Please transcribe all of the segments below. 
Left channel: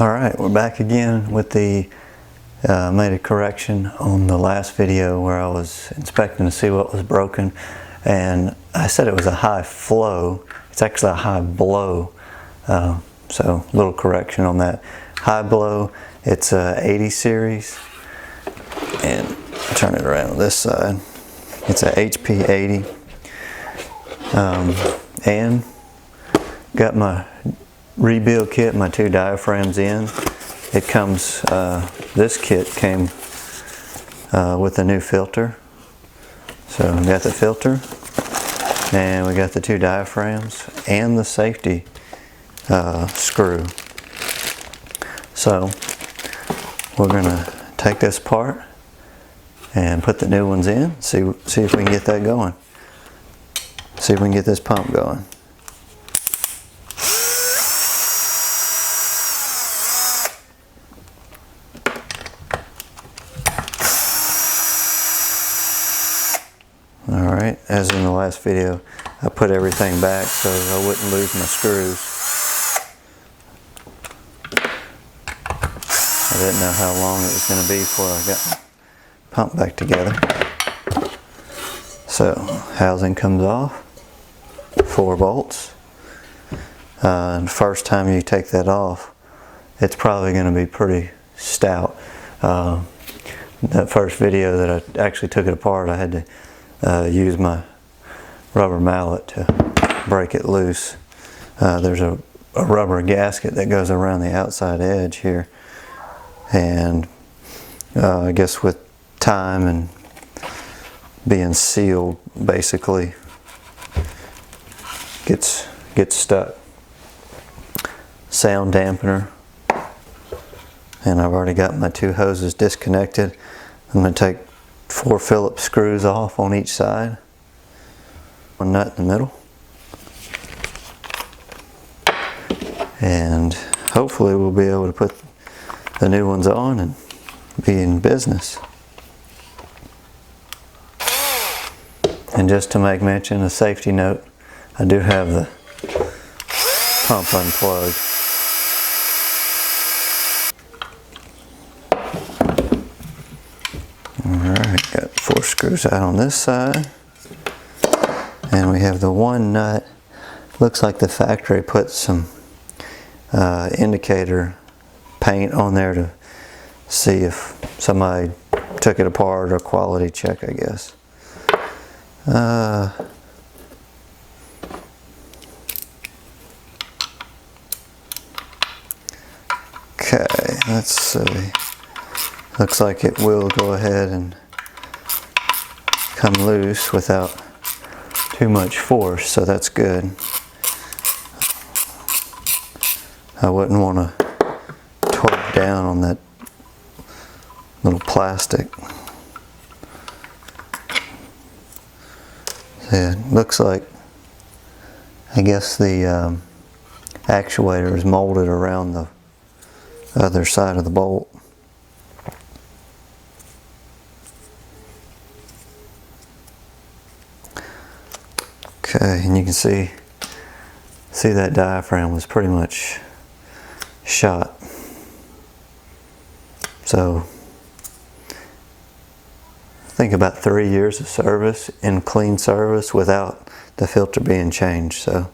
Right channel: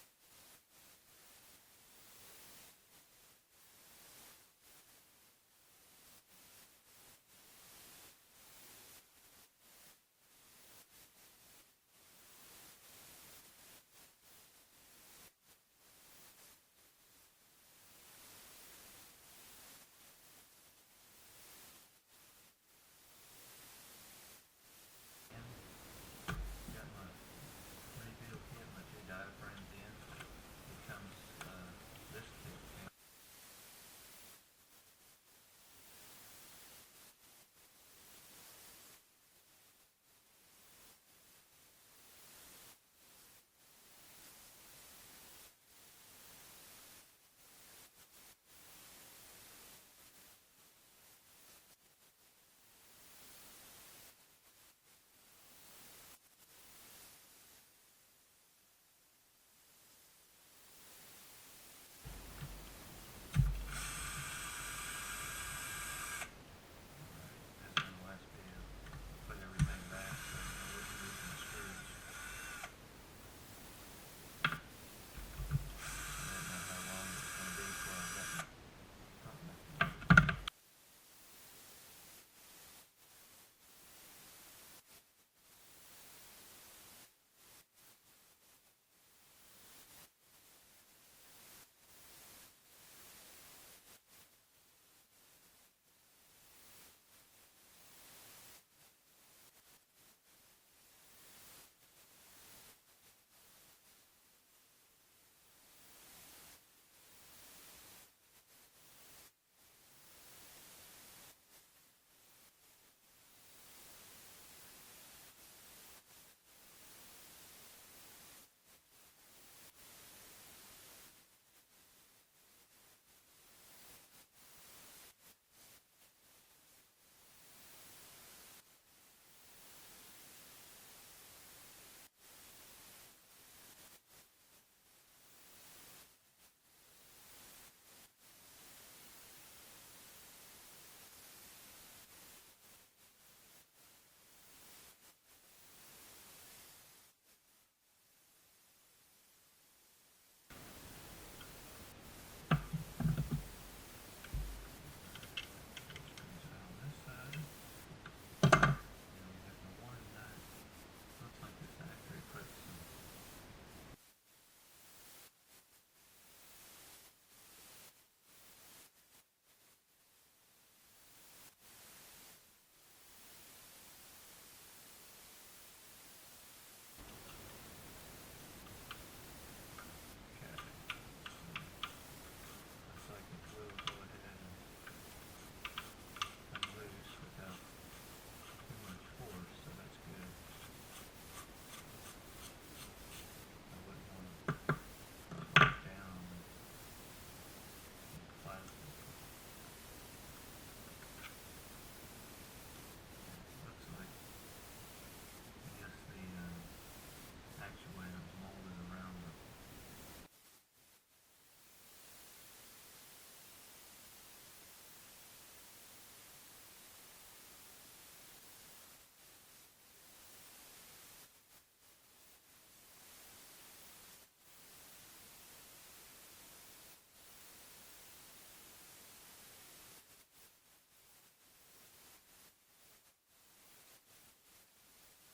Alright, we're back again with the made a correction on the last video where I was inspecting to see what was broken, and I said it was a high flow. It's actually a high blow, so a little correction on that. HIblow, it's a 80 series, and I'll turn it around on this side. It's a HP80, and got my rebuild kit, my two diaphragms in. It comes, this kit came with a new filter. So we got the filter, and we got the two diaphragms and the safety screw. So we're gonna take this apart and put the new ones in, see if we can get that going. See if we can get this pump going. Alright, as in the last video, I put everything back so I wouldn't lose my screws. I didn't know how long it was going to be before I got my pump back together. So, housing comes off, 4 bolts. And the first time you take that off, it's probably going to be pretty stout. That first video that I actually took it apart, I had to use my rubber mallet to break it loose. There's a rubber gasket that goes around the outside edge here, and I guess with time and being sealed, basically gets stuck. Sound dampener, and I've already got my 2 hoses disconnected. I'm going to take 4 Phillips screws off on each side, 1 nut in the middle, and hopefully we'll be able to put the new ones on and be in business. And just to make mention, a safety note, I do have the pump unplugged. Alright, got 4 screws out on this side, and we have the 1 nut. Looks like the factory put some indicator paint on there to see if somebody took it apart, or quality check, I guess. Okay, let's see. Looks like it will go ahead and come loose without too much force, so that's good. I wouldn't want to torque down on that little plastic. Yeah, it looks like, I guess the actuator is molded around the other side of the bolt. Okay, and you can see that diaphragm was pretty much shot. So I think about 3 years of service, in clean service, without the filter being changed. So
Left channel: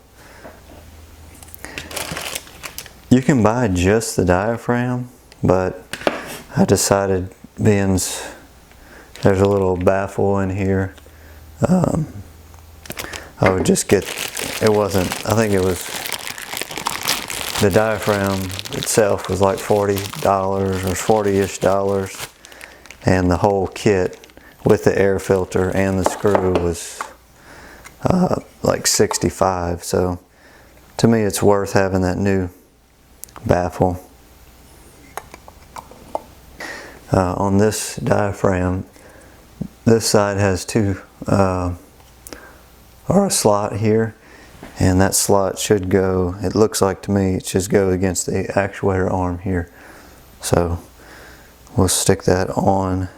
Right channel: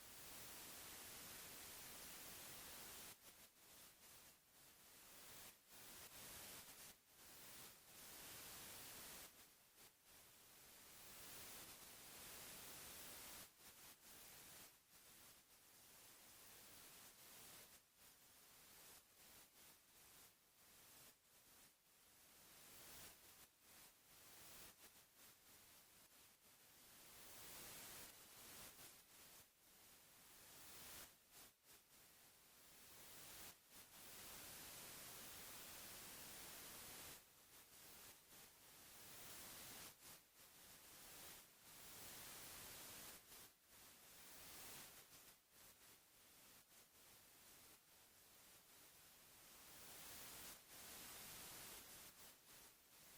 you can buy just the diaphragm, but I decided, being there's a little baffle in here, I would just get, I think it was, the diaphragm itself was like $40 or $40-ish dollars, and the whole kit with the air filter and the screw was like $65. So to me it's worth having that new baffle. On this diaphragm, this side has 2 or a slot here, and that slot should go, it looks like to me, it should go against the actuator arm here. So we'll stick that on.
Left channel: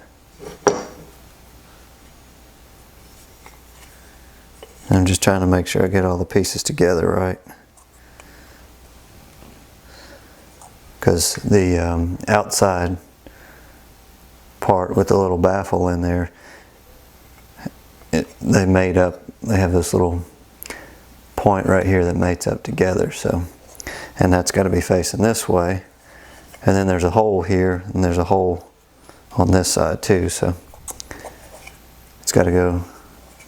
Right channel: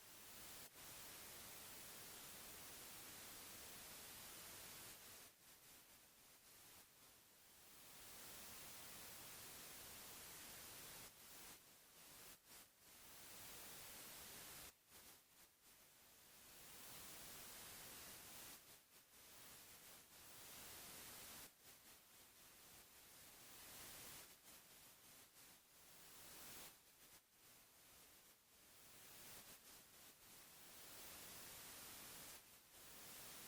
I'm just trying to make sure I get all the pieces together right. because the outside part with the little baffle in there, they have this little point right here that mates up together. So, and that's got to be facing this way, and then there's a hole here, and there's a hole on this side too. So it's got to go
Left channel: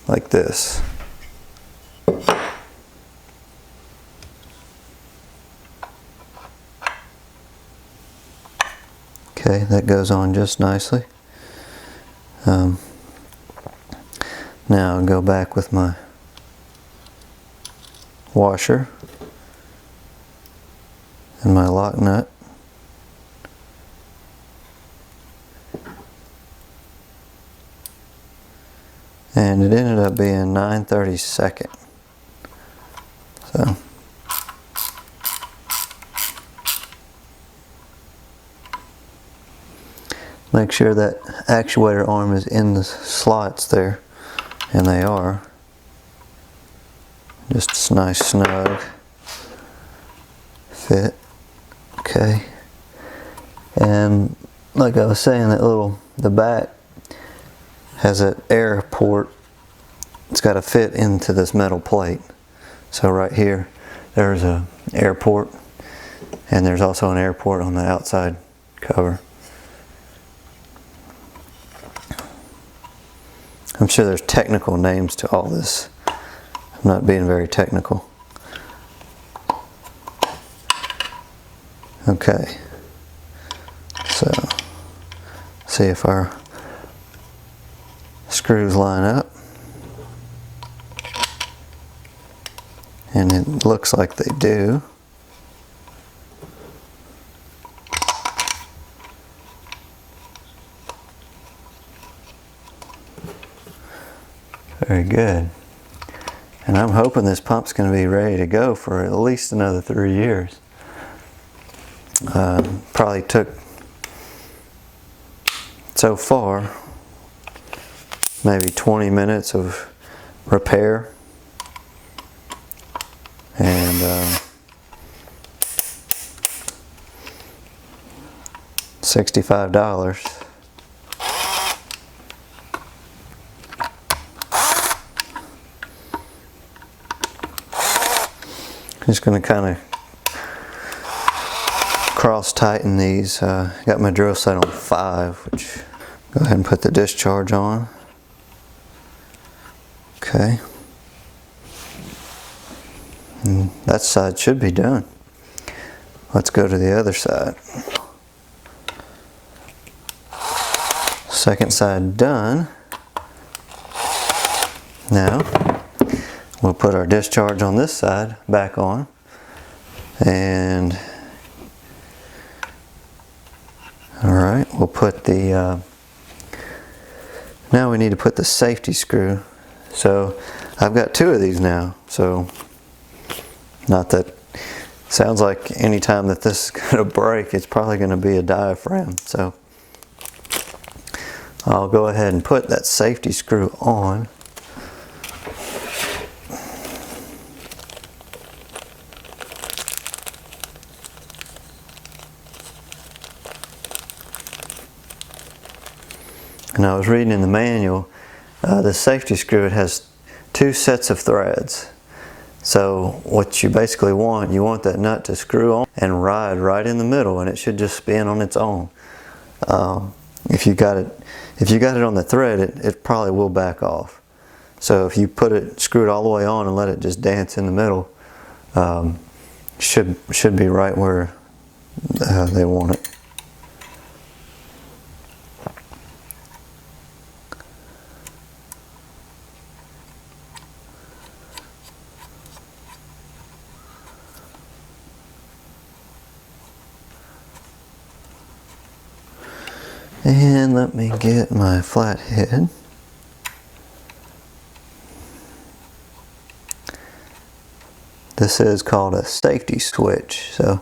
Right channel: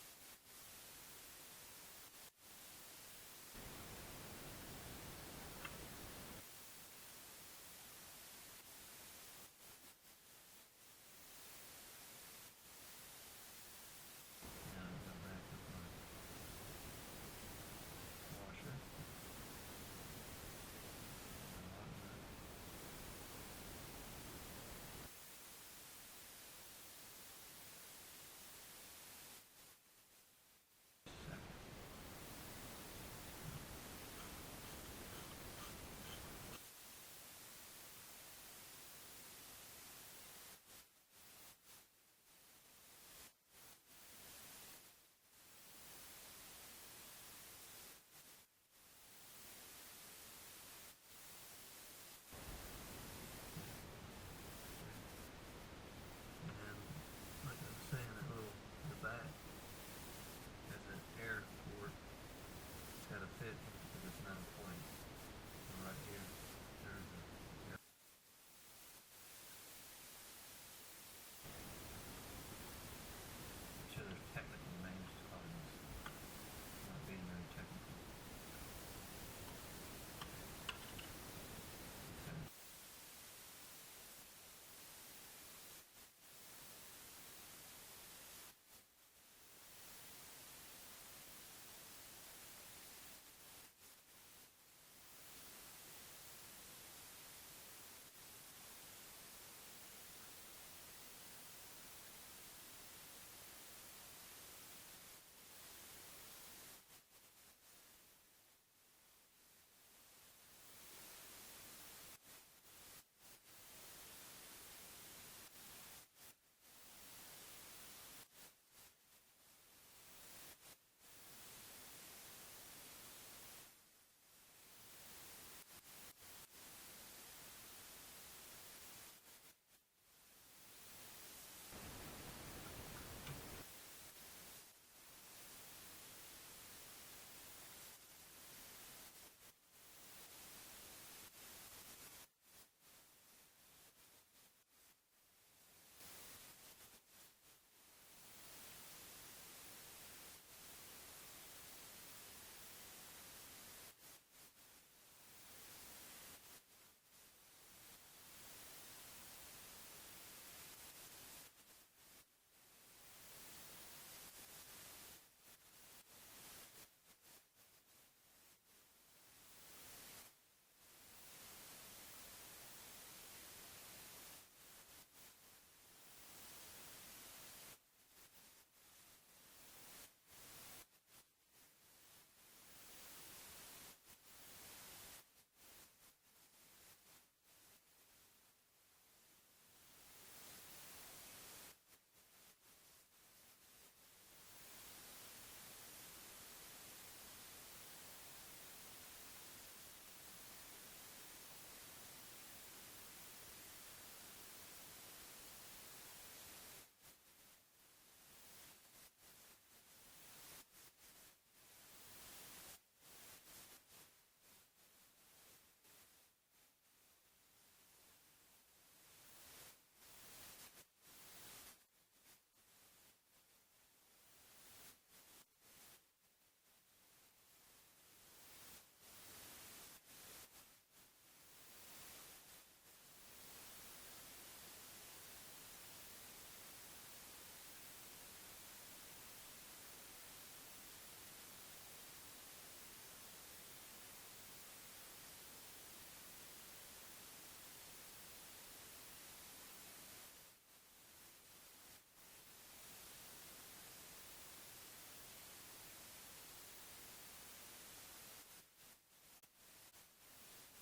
like this. Okay, that goes on just nicely. Now I'll go back with my washer and my lock nut. And it ended up being 9/32. So make sure that actuator arm is in the slots there, and they are. Just a nice snug fit. Okay. And like I was saying, the back has an air port. It's got to fit into this metal plate. So right here, there's an air port, and there's also an air port on the outside cover. I'm sure there's technical names to all this. I'm not being very technical. Okay. So, see if our screws line up. And it looks like they do. Very good. And I'm hoping this pump's going to be ready to go for at least another 3 years. Probably took, so far, maybe 20 minutes of repair. And $65. Just going to kind of cross tighten these. Got my drill set on 5, which go ahead and put the discharge on. Okay. And that side should be done. Let's go to the other side. Second side done. Now we'll put our discharge on this side back on, and alright, we'll put the now we need to put the safety screw. So I've got 2 of these now, so not that sounds like any time that this is going to break, it's probably going to be a diaphragm. So I'll go ahead and put that safety screw on. And I was reading in the manual, the safety screw, it has 2 sets of threads. So what you basically want, you want that nut to screw on and ride right in the middle, and it should just spin on its own. If you got it on the thread, it probably will back off. So if you screw it all the way on and let it just dance in the middle, should be right where they want it. And let me get my flathead. This is called a safety switch. So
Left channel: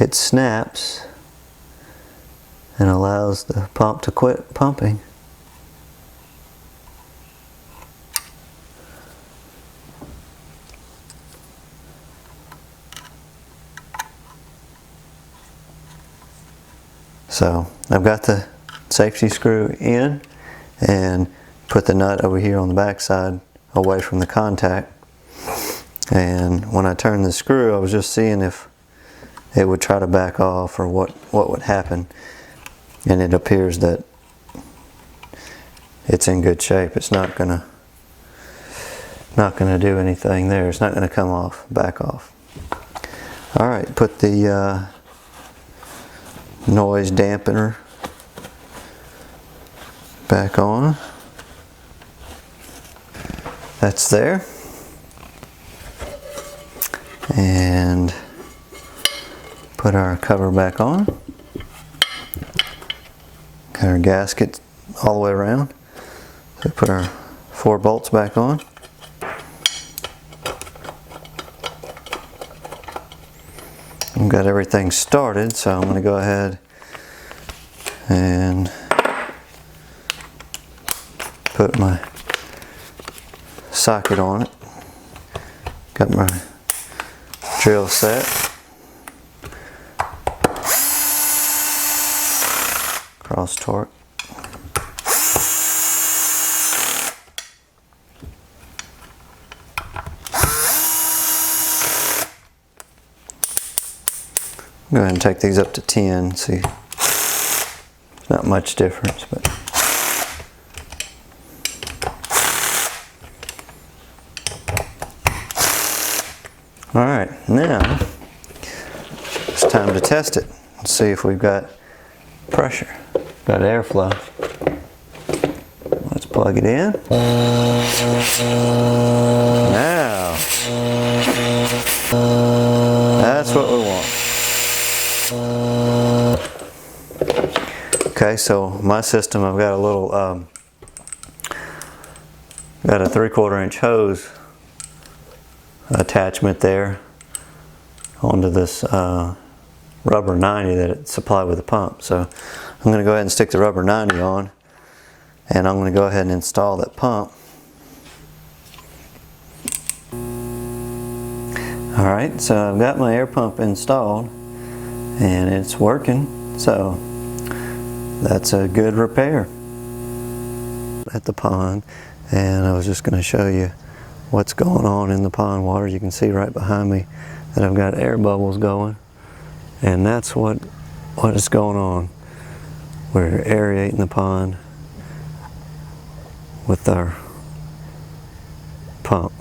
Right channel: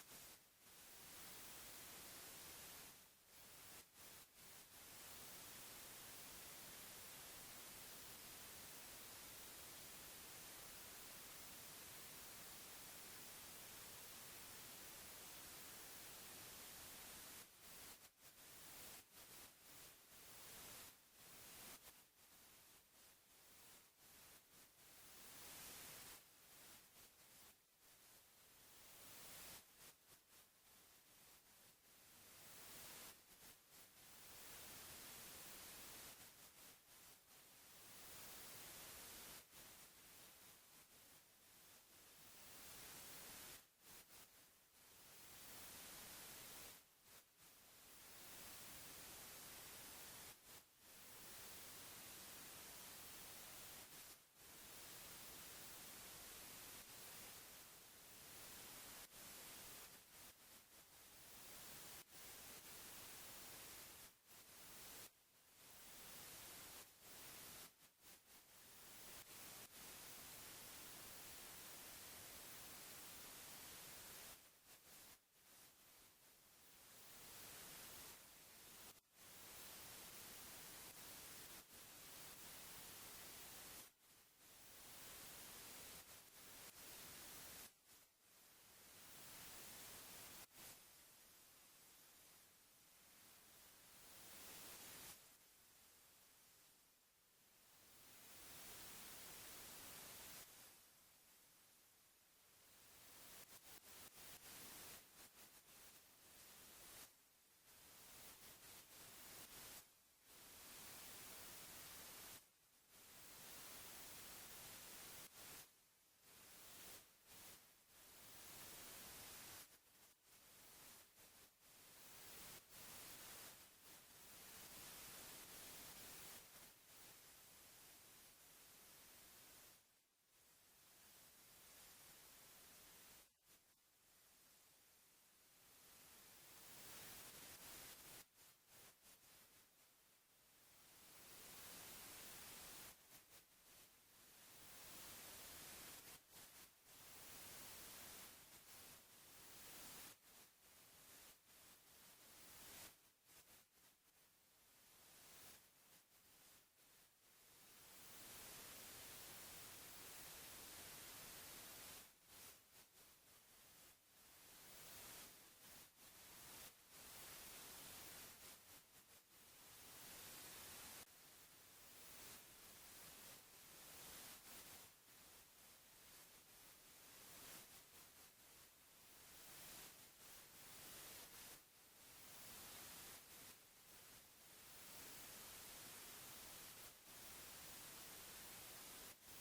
it snaps and allows the pump to quit pumping. So I've got the safety screw in and put the nut over here on the back side away from the contact. And when I turned the screw, I was just seeing if it would try to back off or what would happen. And it appears that it's in good shape. It's not gonna do anything there. It's not gonna come off, back off. All right, put the noise dampener back on. That's there. And put our cover back on. Got our gasket all the way around. So put our 4 bolts back on. I've got everything started, so I'm going to go ahead and put my socket on it. Got my drill set. Cross torque. Go ahead and take these up to 10. See, not much difference, but all right, now it's time to test it and see if we've got pressure, got airflow. Let's plug it in. Now, that's what we want. Okay, so my system, I've got a little, got a 3/4 inch hose attachment there onto this rubber 90 that it's supplied with the pump. So I'm going to go ahead and stick the rubber 90 on, and I'm going to go ahead and install that pump. Alright, so I've got my air pump installed and it's working, so that's a good repair at the pond. And I was just going to show you what's going on in the pond water. You can see right behind me that I've got air bubbles going, and that's what is going on. We're aerating the pond with our pump.